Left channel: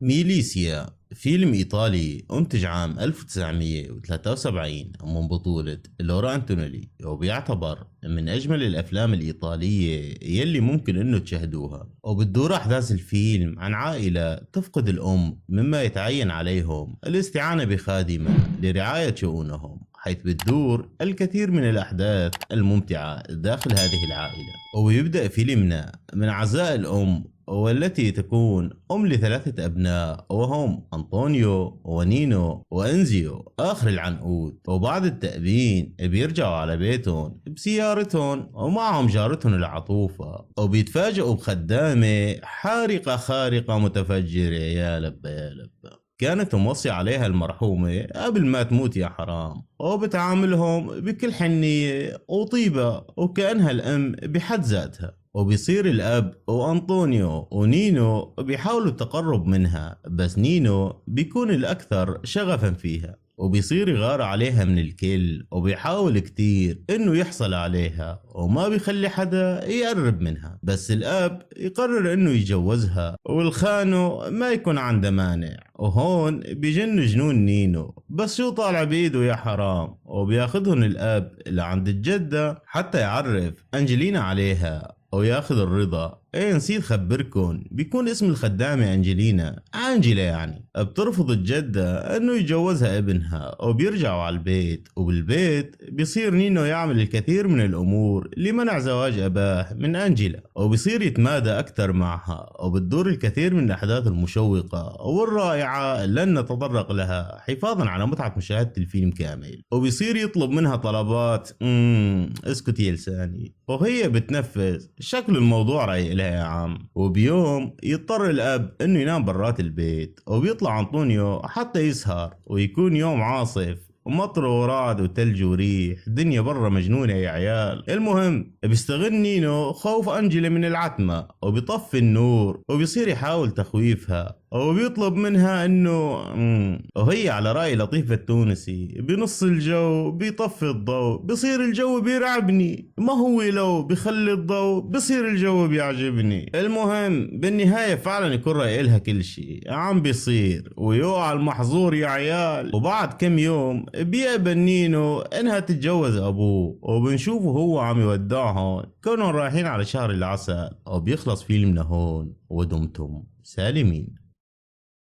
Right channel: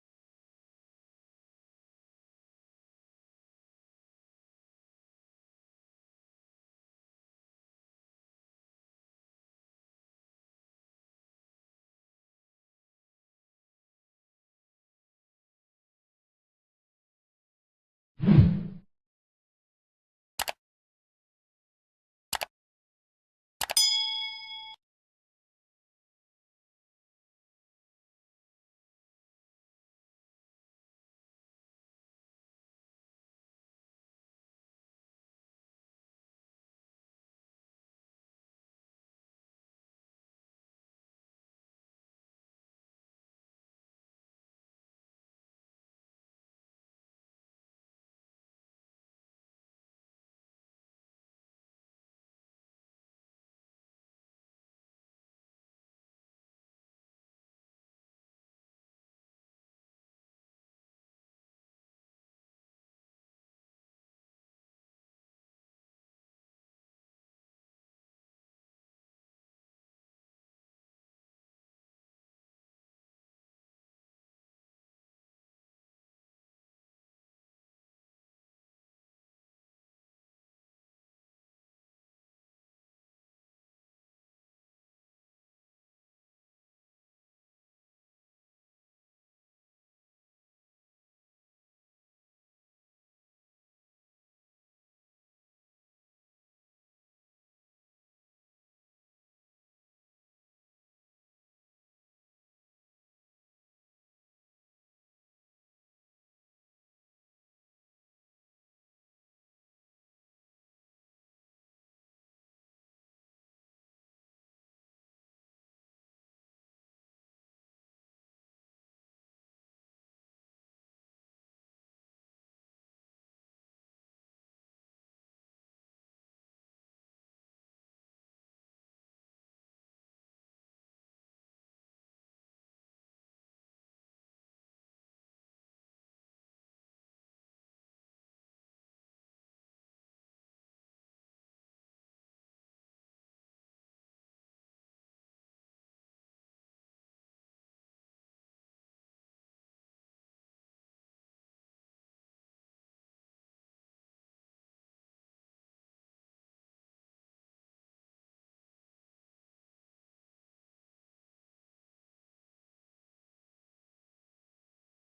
ميليسيا فيلم إيطالي أنتج عام 1973 من بطولة لورا أنتونيلي، وبيعتبر من أجمل الأفلام الإيطالية يلي ممكن إنه تشاهدوها. وبتدور أحداث الفيلم عن عائلة تفقد الأم، مما يتعين عليهم الاستعانة بخادمة لرعاية شؤونهم، حيث بتدور الكثير من الأحداث الممتعة داخل هذه العائلة. ويبدأ فيلمنا من عزاء الأم، والتي تكون أم لثلاثة أبناء، وهم أنطونيو ونينو وأنزيو آخر العنقود. وبعد التأبين بيرجعوا على بيتهم بسيارتهم ومعهم جارتهم العطوفة، وبيتفاجئوا بخدامة حارقة خارقة متفجرة. يا لبا يا لبا، كانت موصي عليها المرحومة قبل ما تموت يا حرام، وبتعاملهم بكل حنية وطيبة وكأنها الأم بحد ذاتها. وبيصير الأب وأنطونيو ونينو بيحاولوا التقرب منها، بس نينو بيكون الأكثر شغفا فيها، وبيصير يغار عليها من الكل، وبيحاول كتير انه يحصل عليها وما بيخلي حدا يقرب منها. بس الاب يقرر انه يتجوزها، والخانو ما يكون عنده مانع. وهون بيجن جنون نينو، بس شو طالع بايده يا حرام، وبياخدهن الاب لعند الجدة حتى يعرف انجلينا عليها وياخذ الرضا. ايه نسيت خبركن، بيكون اسم الخدامة انجلينا، انجلا يعني. بترفض الجدة انه يتجوزها ابنها، وبيرجعوا على البيت. وبالبيت بيصير نينو يعمل الكثير من الامور لمنع زواج اباه من انجلا، وبيصير يتمادى اكثر معها. وبتدور الكثير من الاحداث المشوقة والرائعة لن نتطرق لها حفاظا على متعة مشاهدة الفيلم كامل. وبيصير يطلب منها طلبات اسكت يا لساني، وهي بتنفذ. شكل الموضوع رايق لها يا عم. وبيوم يضطر الاب انه ينام برات البيت، وبيطلع انطونيو حتى يسهر، ويكون يوم عاصف ومطر ورعد وتلج وريح، دنيا برا مجنونة يا عيال. المهم بيستغل نينو خوف أنجلي من العتمة، وبيطفي النور وبيصير يحاول تخويفها، وبيطلب منها انه وهي على رأي لطيف التونسي بنص الجو بيطفي الضوء، بصير الجو بيرعبني. ما هو لو بخلي الضوء بصير الجو بيعجبني. المهم بالنهاية فعلا يكون رأي لها كل شيء عم بيصير، ويوقع المحظور يا عيال. وبعد كم يوم بيقبل نينو انها تتجوز ابوه، وبنشوفه هو عم يودعهم كانوا رايحين على شهر العسل. وبيخلص فيلمنا هون، ودمتم سالمين.